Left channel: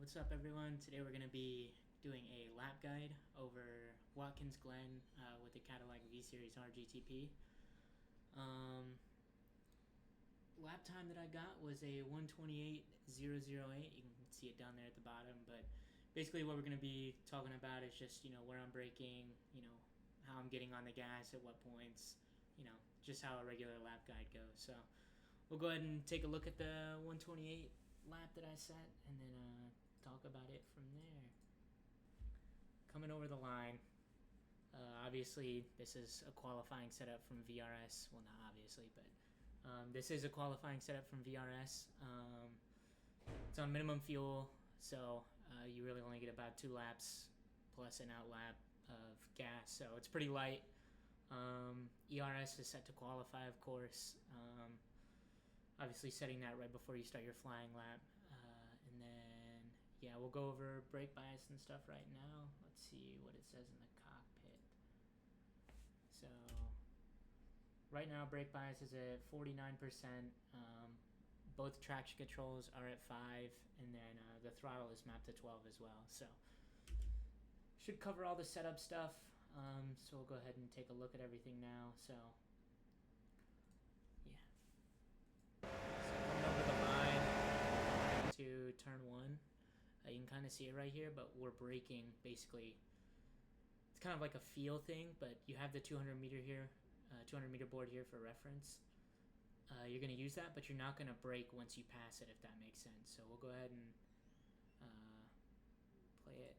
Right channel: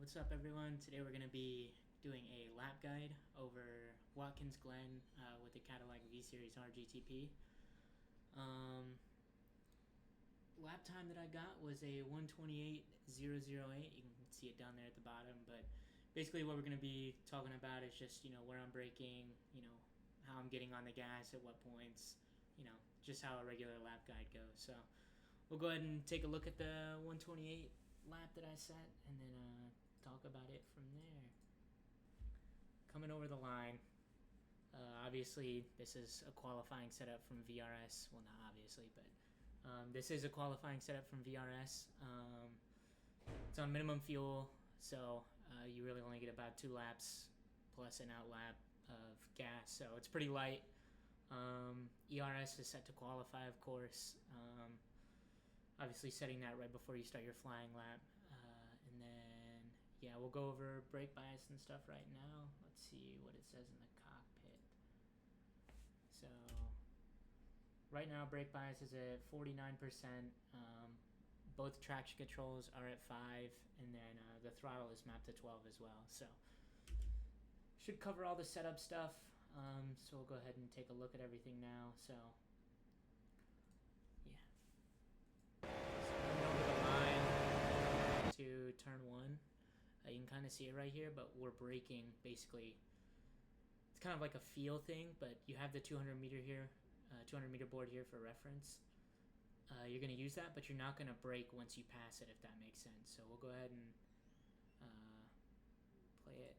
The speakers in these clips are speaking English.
What's up, everyone? Today we're going to be doing a lap guide over Watkins Glen with the Cadillac V Series R GTP. Lap time that I got was a 1:28.008. You can see it down there at the bottom, but basically what we're going to be talking about is just, where I'm braking, how I'm getting on the gas at what points, just how a regular lap guide goes. So we'll go ahead and take a look at the 1:28 lap that I set, and then talk about it from there. Coming over the line, obviously this is a qualifying setup from VRS. Well, not obviously, but this is a qualifying setup from VRS. It's on minimum fuel, so you really only get about 2 laps plus an out lap of gas, so it's pretty light. ERS is set to qualify, of course. Obviously setting that right before you start your flying lap. And then, yeah, we'll go over brake bias and stuff right now. Let's see what it says in the cockpit. So, right now brake bias is at 49%. Both traction controls are at 5, and then the throttle is mapped to 12 as well. So, should cover all the setup stuff. So we'll go ahead and take a look at everything now. So, yeah. Coming over the line to turn 1, you can kind of see it right here, but we're braking basically. It's kind of like a feel thing, but you have the 200 meter board here for reference. You're going to use that, but you're not going to brake once you pass it, if that makes sense. So we'll go ahead and play it.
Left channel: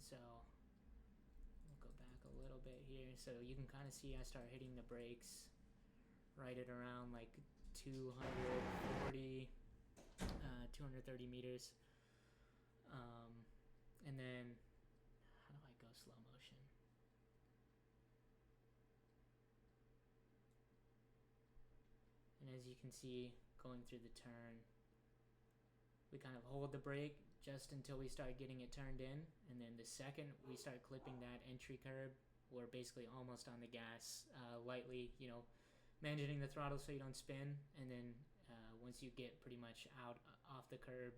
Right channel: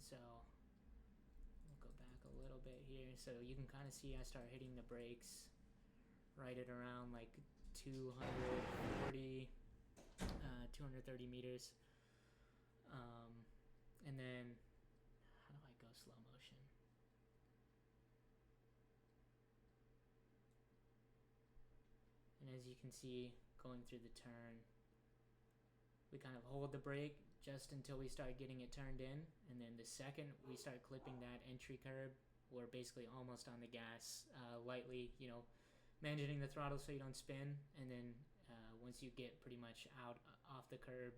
So we'll go back a little bit here, so you can kind of see I start hitting the brakes right at around like 230 meters, and then how do I go slow motion? And as you can see, going through the turn, we kind of hold the brake just until we start getting it turned in, and then the second we start clipping that entry curb, we're basically almost on the gas, lightly, managing the throttle so you don't spin, and then once you get pretty much off the curb,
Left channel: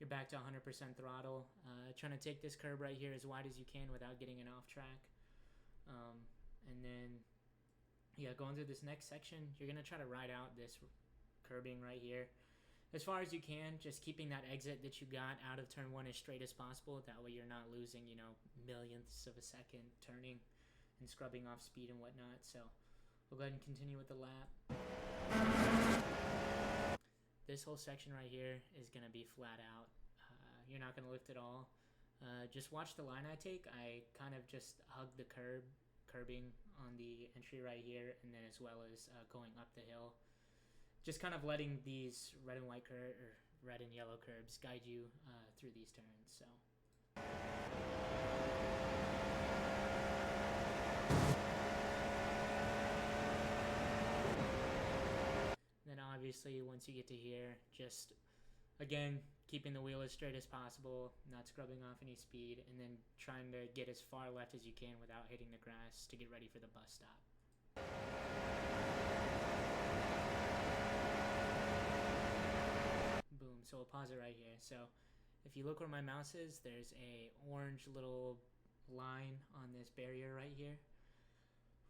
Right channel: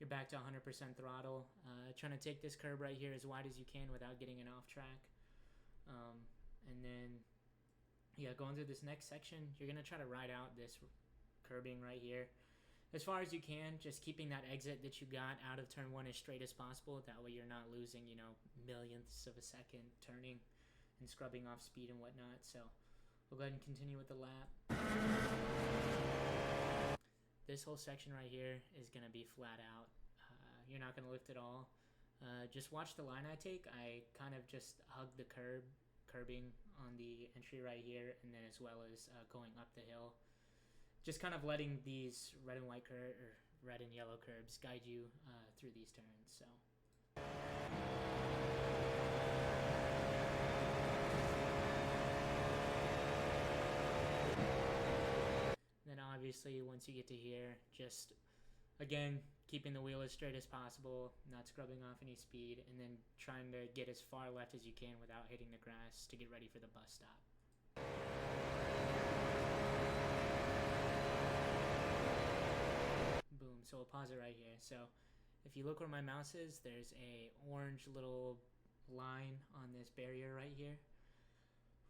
you're back to 100% throttle. Trying to take this curb right here as wide as you can without getting it off track. And then, yeah, going through this next section, you're going to try to ride out this curbing right here as far as you can, just keeping that exit that you got out of turn 1 as straight as possible. That way you're not losing, millionths of a second turning and scrubbing off speed and whatnot. So we'll go ahead and continue with the lap. This whole section right here is going to be flat out. You're not going to lift at all. Just watch the line I take. I kind of just hug the curbing on the entry right here, and then as well as going up the hill. Just kind of letting these red and yellow curbs guide you through these turns. So. Then obviously once you get to here, just again keeping the wheel as straight as possible, not scrubbing off any speed, and then trying to get as far left as you can without hitting the grass to get ready for the bus stop. Boom. So we'll pause it right here. So if you look where my mouse is, there's a orange little line on this barrier right here,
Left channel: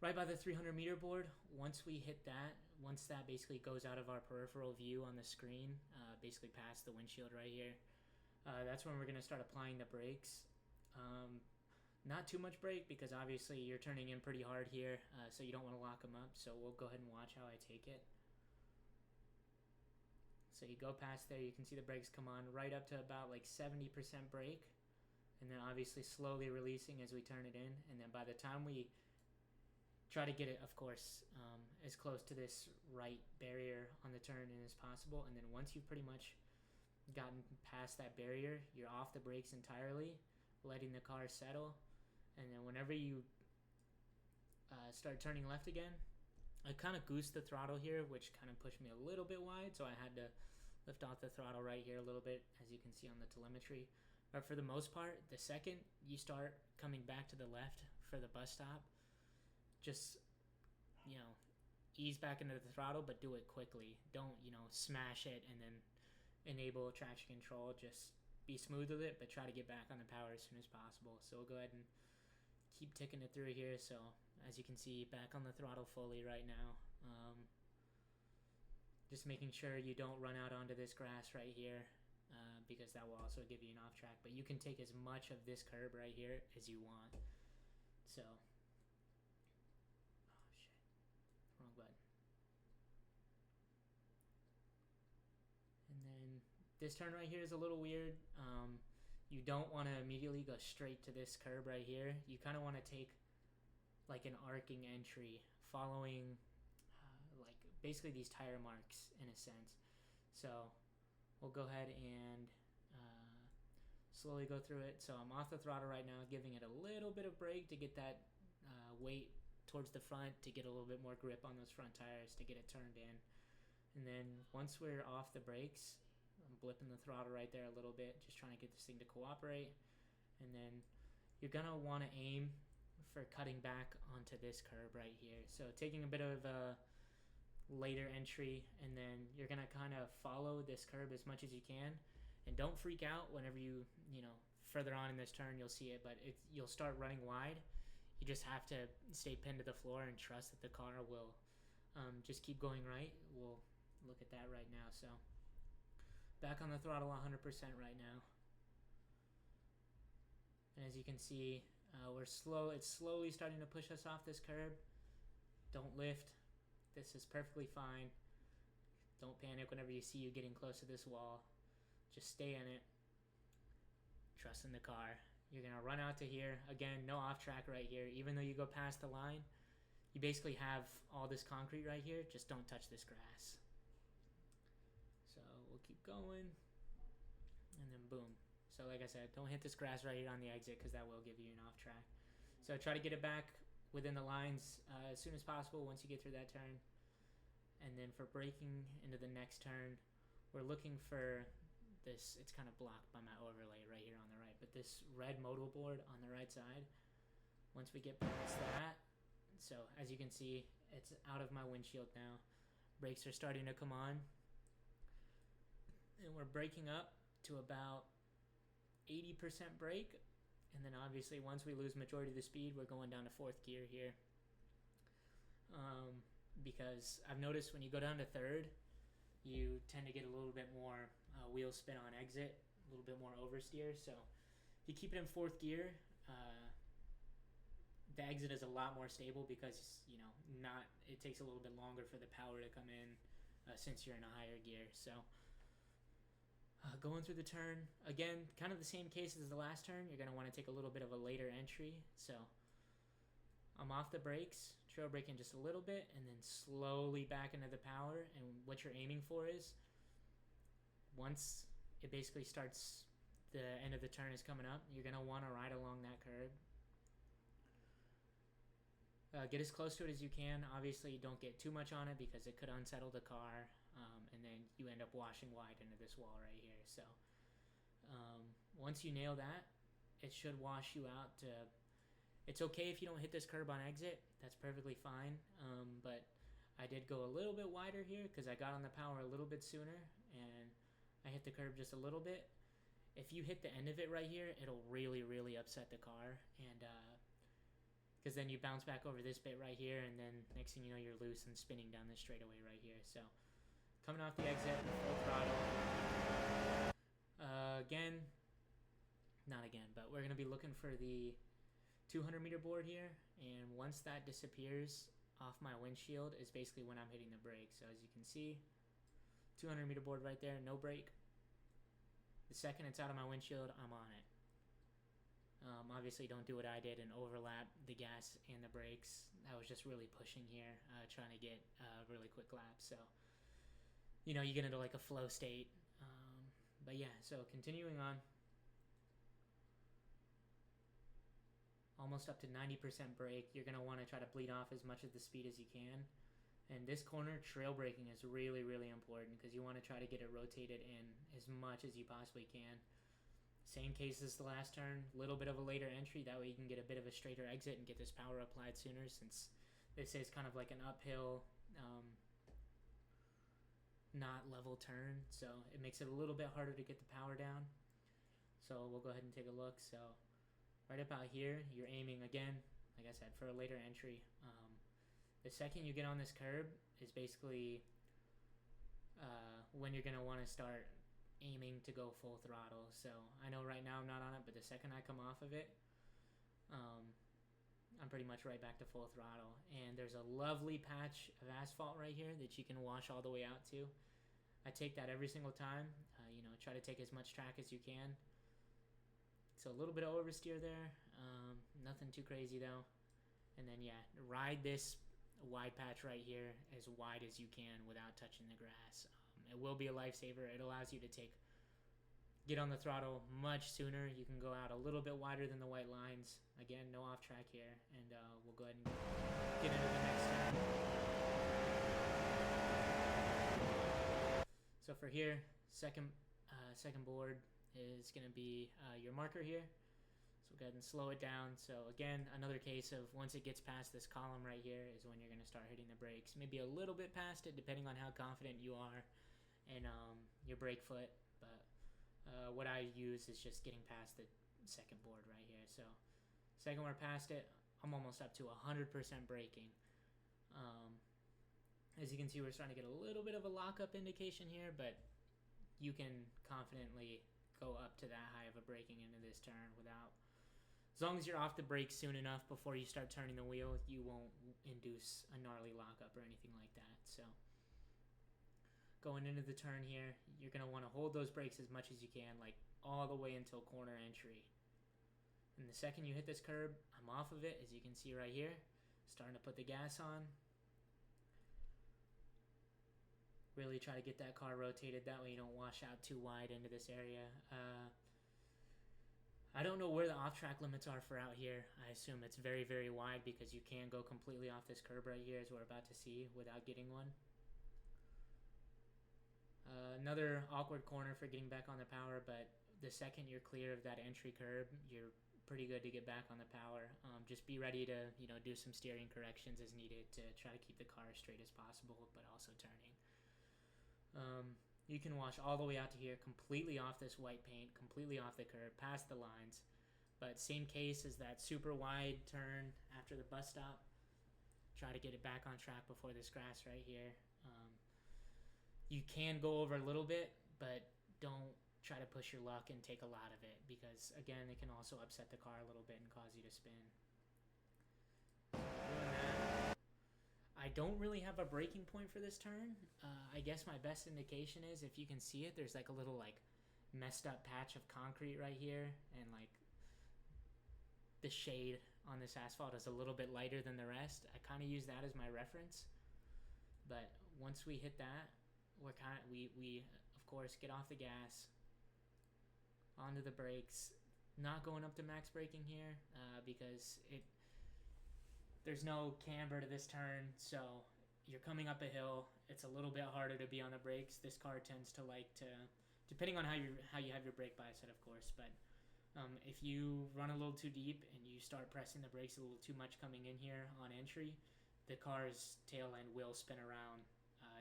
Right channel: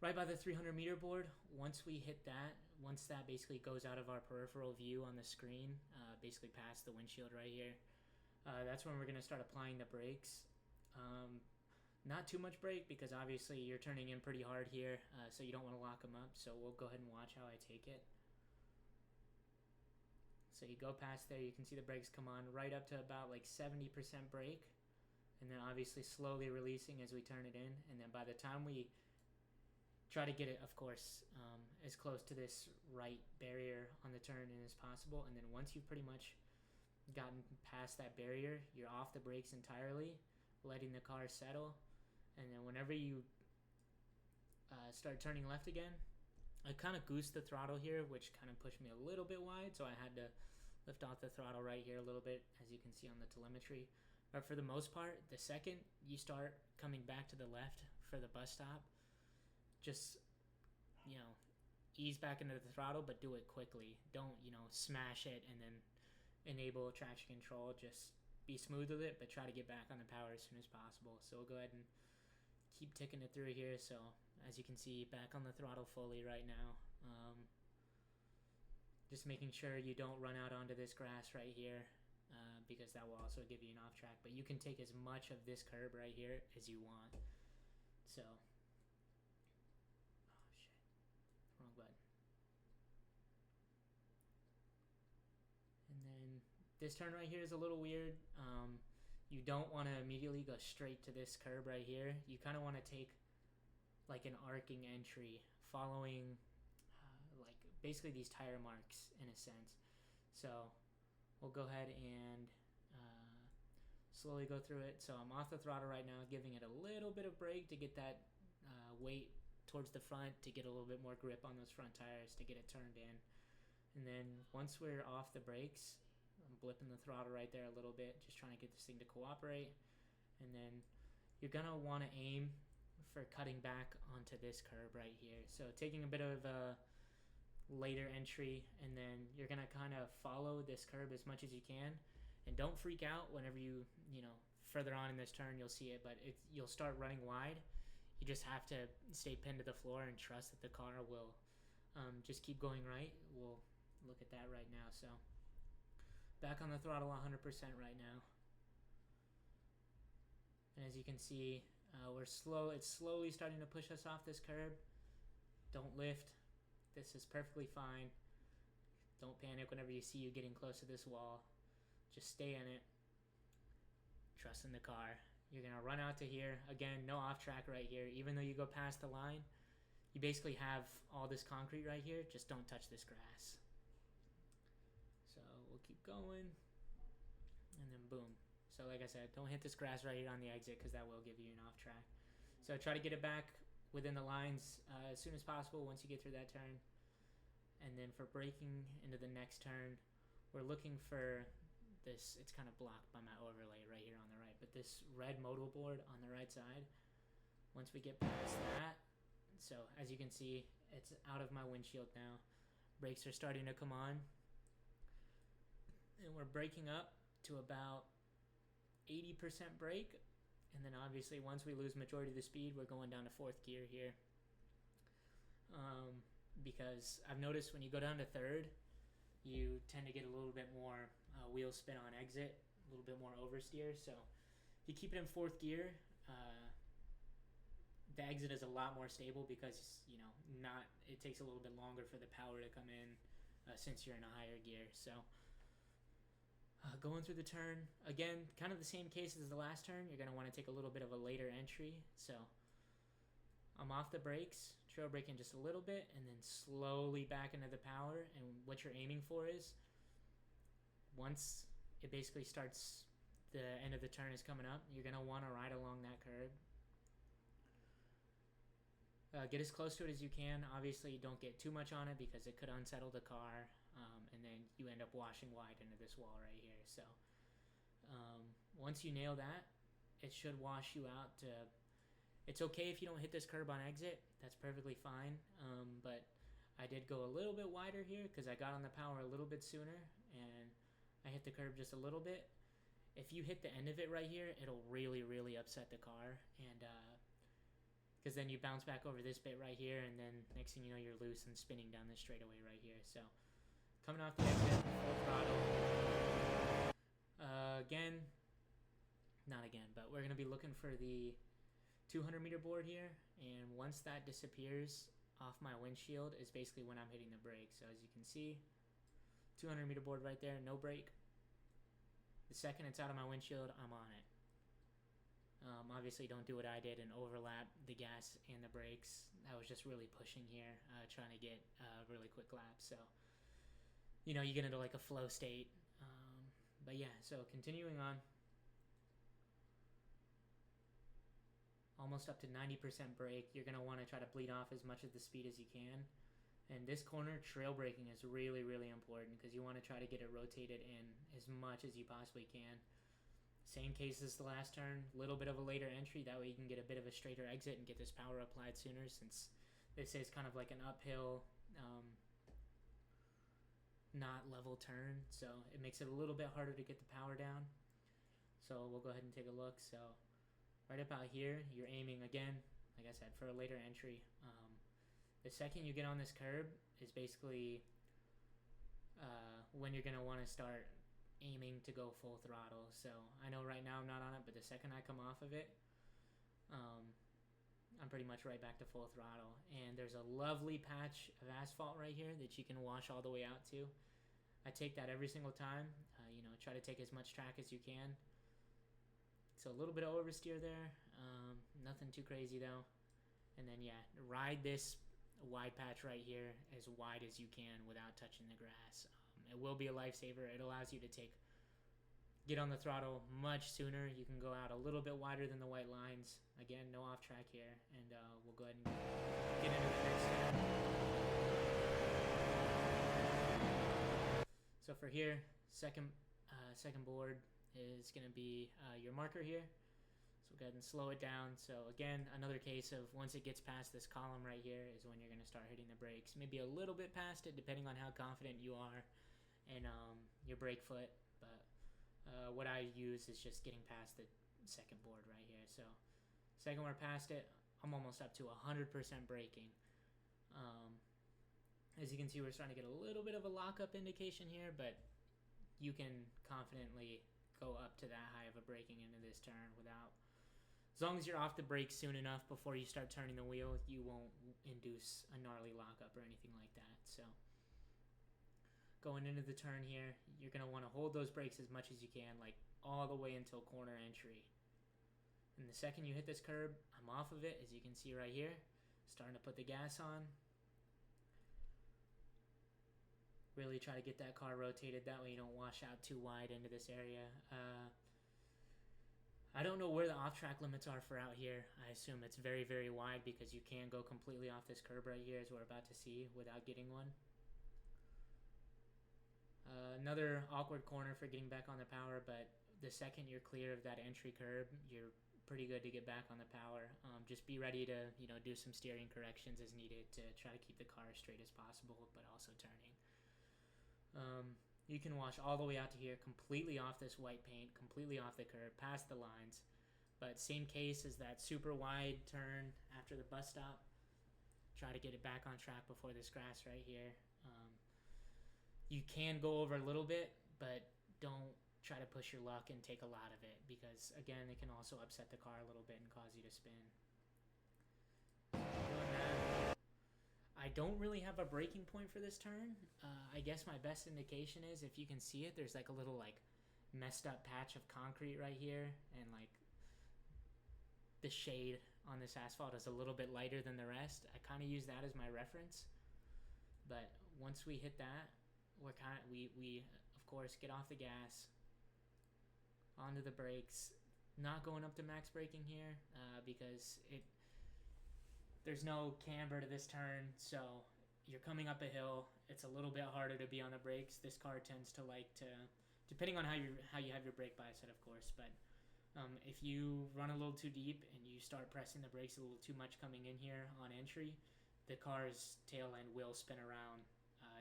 right by the 300 meter board. Once that basically goes out of our peripheral view on the screen, basically past the windshield right here, that's when we're going to start applying the brakes. Not too much brake, because obviously you're turning in pretty hard here, so you don't want to lock them up. So we'll go ahead and watch how I take it. So you go past there, you can see the brakes come on right up to about like 70% brake, and then obviously slowly releasing as we turn it in. And then by the time we try to get it, of course, as close to this right barrier on the turn in as possible. And then once you've pretty much gotten past that barrier, you're off the brakes entirely, letting the car settle. And then whenever you start turning left again, I kind of goosed the throttle here, which kind of pushed me a little bit wide, so I had to lift off the throttle right here a little bit, as you can see on the telemetry. But for the most part, the second you start coming back to the left for the bus stop, just, ease back into the throttle, but do it quickly. Don't, smash it and then enable traction control. Just be smooth with it, but try to get back on the power as soon as possible. So we'll go ahead and keep ticking it through here. So as you can see, back on the throttle fully right now. Just making sure you don't run out onto this grass right here, because that will also give you an off track. But you can take as much of this curb right here as you want. So, oh shit, wrong button. And then this turn right here is a little weird. You don't want to immediately go straight to this curb right here. You kind of want to take like an arcing entry following like basically these tire marks in a sense. So we'll go ahead and slowly go through it. So I'm off the throttle right now, giving it a little bit of brake to get that weight towards the front, to get a little bit more grip on those front tires, to get it turned in. And then once we're off the brakes, I'm blipping the throttle right there a little bit, just trying to get this thing to cooperate. And then you're going to want to aim for cutting back onto this curb right here. So taking a bit of a later entry, and then you're going to kind of follow this curb as much as you can. And don't freak out whenever you further on in this turn, you'll see it, but you'll start running wide. You just have to stay pinned to the floor and trust that the car will just keep going right. We'll look at that right now. So back on the throttle 100% right now. And as you can see, it's slowly starting to push us off this curb. Don't lift. This is perfectly fine. Don't panic whenever you see you getting close to this wall. Just stay in it. Trust in the car. You're going to run out to here. Again, no off track right here. Even though you go past the line, you basically have all this concrete right here. Just don't touch this grass. So we'll keep going. And then boom. So like I said, don't hit this grass right here on the exit, because that will give you an off track. So try to get it back within the lines as soon as possible once you get through that turn. And then for braking into the next turn, we're looking for this. It's kind of blocked by my overlay right here on the right, but this red modal board on the right side, once we get past that, so as you can see, it's out of my windshield now. Brakes are starting to come on, and we're braking up to about 80% brake. And then obviously once we lose majority of the speed, we're going down to fourth gear here, because I've noticed when you go down to third, you tend to get a little bit more wheel spin on exit, a little bit more oversteer. So if you keep it in fourth gear, the exit is a lot more stable, because it takes a little bit longer for the power to come in since you're in a higher gear. So going through the turn, again, kind of the same case as the last turn. You're going to want to take a little bit of a later entry. So I'm off the brakes, trail braking just a little bit, and then slowly back into the power. And what you're aiming for is, once it basically starts, the end of the turn is coming up, you're going to want to ride along that curb. Get as close to it as you can. Obviously, don't get too much on it, because it could unsettle the car, and then you end up washing wide into this wall right here. So once you nail that, it should wash you out to... It's okay if you don't hit this curb on exit. That's perfectly fine. But I did go a little bit wider here, because I got on the power a little bit sooner, and I hit the curb just a little bit. If you hit the end of it right here, it'll really, really upset the car. And because then you bounce back over this bit right here, and then next thing you know, you're loose and spinning down this straightaway right here. So coming off the exit, full throttle. But we're going to be looking for the 200 meter board here, and once that disappears off my windshield is basically when I'm hitting the brake. So as you can see, 200 meter board right there, no brake. The second it's out of my windshield, I'm on it. Obviously don't do what I did and overlap the gas and the brakes. I was just really pushing here, trying to get a really quick lap. So you get into like a flow state. But yeah, so continuing on, almost up to 90% brake. You're going to want to try to bleed off as much of the speed as you can. And this corner, trail braking is really, really important, because you want to try to get it rotated in as much as you possibly can. Same case as the last turn, a little bit of a later entry. That way you can get a bit of a straighter exit and get this power applied sooner, since this is kind of like an uphill, not level turn. So it makes it a little bit harder to get the power down. So we'll go ahead and take a look. So right about here, you're aiming again, like I said, for a later entry. The second you get on this curb is basically when you're going to want to start aiming to go full throttle. So I know right now I'm not on it, but the second I come off of it, I'm pretty much right back to full throttle. And there's a lovely patch of asphalt right here that you can wash all the way out to. I take that every single time. Try to take as much track as you can. So a little bit of oversteer there. Nothing too crazy though. And then yeah, ride this wide patch right here as wide as you can without touching the grass. It will be a lifesaver. It allows you to get on the throttle much sooner. You can go out a little bit wider than the white lines. Again, no off track here, and we'll go ahead and get into the next turn. So for here, second board is going to be your marker here. So go ahead and slow it down. So again, another case of once it gets past this column right here is when you're going to start hitting the brakes. Maybe a little bit past it, depending on how confident you are in your brake foot. But what I use is just getting past the second board right here. So second we're past it, I'm almost up to 100% braking. As you can see, we're starting to get a little bit of a lockup indication here, but you can confidently go up to that high of a braking into this turn without, as long as you're off the brakes soon enough before you start turning the wheel, you won't induce a gnarly lockup or anything like that. So going into the turn here, you're going to want to hold those brakes as much as you can, like all the way until corner entry. And the second you hit this curb, I'm off of it, as you can see right here, starting to put the gas on. Really try to get that car rotated, that way you don't wash out too wide into this area. I don't know where the off-track limits are for out here. I assume it's very, very wide because you can go completely off this curb right here, as we're about to see, without getting one. Another awkward corner for getting back on the power, but the second you're clear of that entry curb, you're pretty good to get back on the power. Just be ready to do some steering corrections as needed to try to keep the car as straight as possible, but also turning. You can wash all the way out to here, completely off this white paint, completely off the curb, past the lines. But same case as that super wide turn after the bus stop. Try to get it back on track before this grass right here. You can go over a little bit, but don't try to push your luck and take a lot of it, because again, it can also upset the car a little bit and cause you to spin. Doing that. I don't really have a braking point for this turn. I guess my best indication is, if you can see it, there's like a little messed up patch of concrete right here, and the shade on this asphalt is a little bit lighter than the rest. I kind of use that as my reference. But once we hit that, we of course get off the gas, onto the brakes, not going up to max braking here, because there's no camber to this turn, so you're coming up a hill. It's a little bit harder to be on the brakes. This car tends to depending on how you have your brake bias set, of course, but if you run a little too deep and you start pressing the brakes a little too much coming in here on entry, the car's tail end will spin around.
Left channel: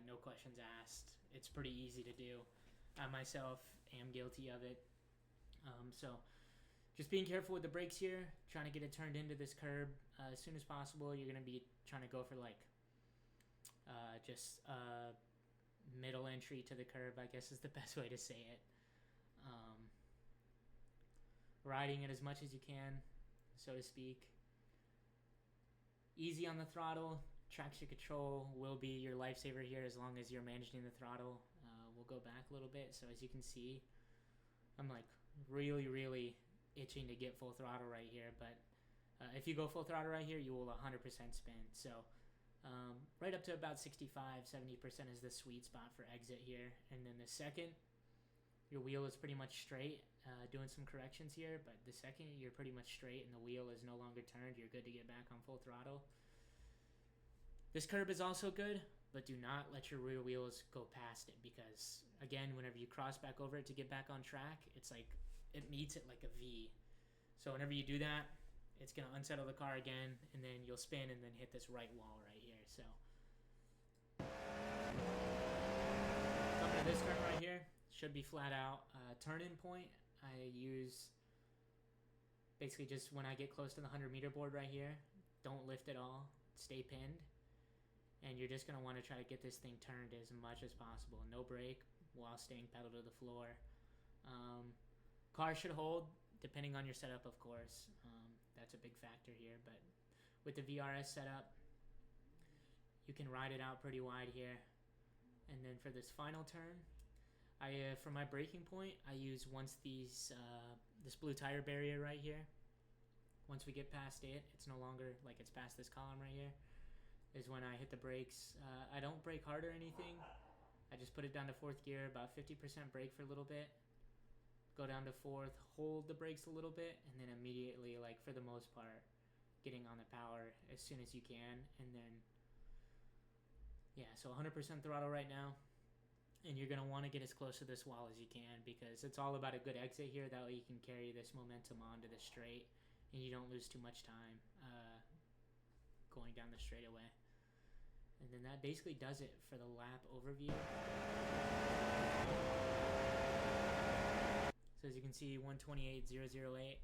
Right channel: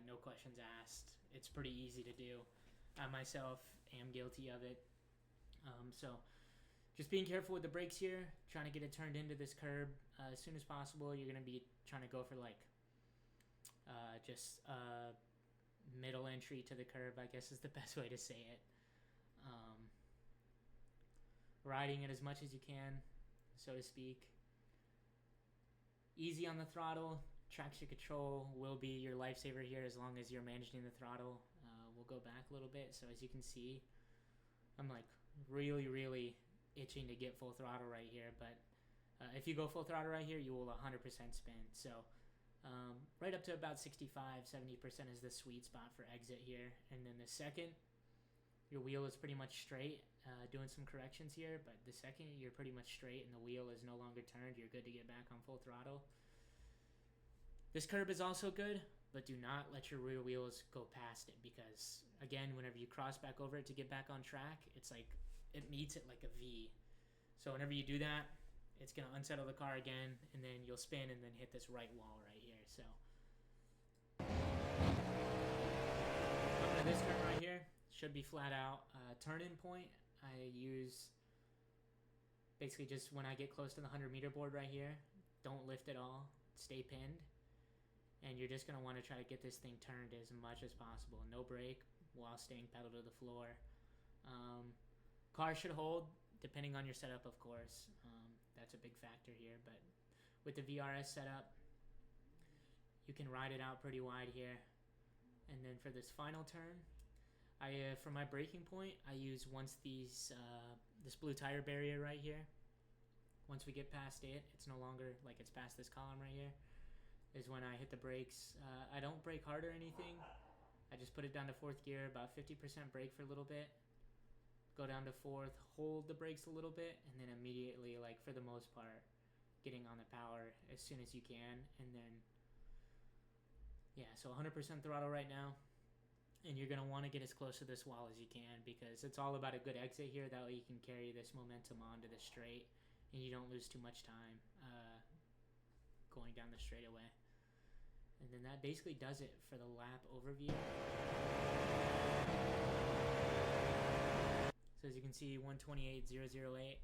No questions asked. It's pretty easy to do. I myself am guilty of it. So just being careful with the brakes here, trying to get it turned into this curb as soon as possible. You're going to be trying to go for just middle entry to the curb, I guess is the best way to say it. Riding it as much as you can, so to speak. Easy on the throttle. Traction control will be your lifesaver here as long as you're managing the throttle. We'll go back a little bit. So as you can see, I'm really, really itching to get full throttle right here. But if you go full throttle right here, you will 100% spin. So right up to about 65-70% is the sweet spot for exit here. And then the second, your wheel is pretty much straight. Doing some corrections here, but the second you're pretty much straight and the wheel is no longer turned, you're good to get back on full throttle. This curb is also good, but do not let your rear wheels go past it, because again, whenever you cross back over it to get back on track, it's like it meets it like a V. So whenever you do that, it's going to unsettle the car again, and then you'll spin and then hit this right wall right here. So coming to this turn right here, should be flat out. Turn-in point, I use basically just when I get close to the 100-meter board right here, don't lift at all, stay pinned, and you're just going to want to try to get this thing turned as much as possible. No brake while staying pedal to the floor. Car should hold, depending on your setup, of course. That's a big factor here, but with the VRS setup, you can ride it out pretty wide here. And then for this final turn, for my braking point, I use once this blue tire barrier right here. Once we get past it, it's no longer like it's past this column right here, is when I hit the brakes. I don't brake hard or anything. I just put it down to 4th gear, about 50% brake for a little bit. Go down to 4th, hold the brakes a little bit, and then immediately, like for the most part, getting on the power as soon as you can. And then, yeah, so 100% throttle right now. And you're going to want to get as close to this wall as you can, because it's all about a good exit here. That way you can carry this momentum onto the straight and you don't lose too much time going down the straightaway. And then that basically does it for the lap overview. So as you can see, 128.008.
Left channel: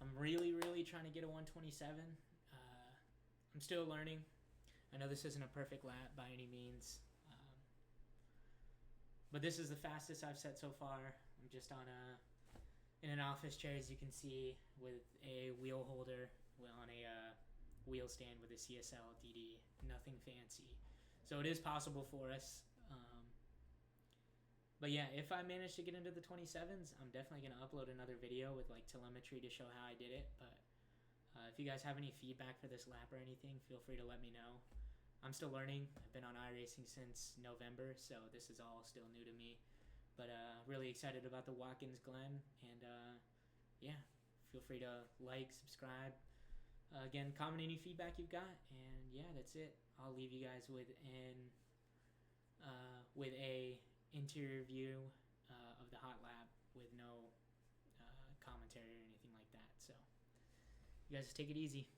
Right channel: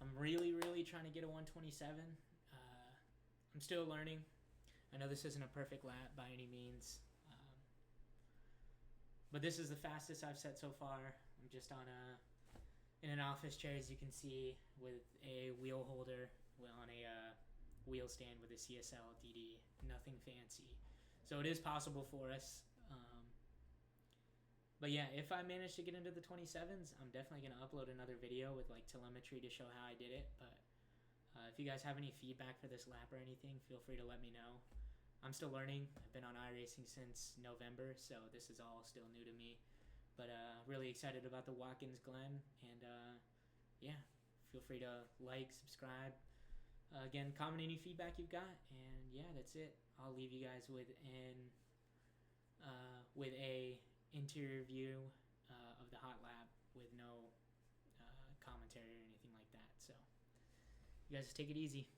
I'm really trying to get a 127. I'm still learning. I know this isn't a perfect lap by any means. But this is the fastest I've set so far. I'm just in an office chair, as you can see, with a wheel holder on a wheel stand with a CSL DD. Nothing fancy. So it is possible for us. But yeah, if I manage to get into the 27s, I'm definitely going to upload another video with like telemetry to show how I did it. But if you guys have any feedback for this lap or anything, feel free to let me know. I'm still learning. I've been on iRacing since November, so this is all still new to me. But really excited about the Watkins Glen, and yeah, feel free to like, subscribe. Again, comment any feedback you've got, and yeah, that's it. I'll leave you guys with a interior view of the hot lap with no commentary or anything like that. So you guys just take it easy.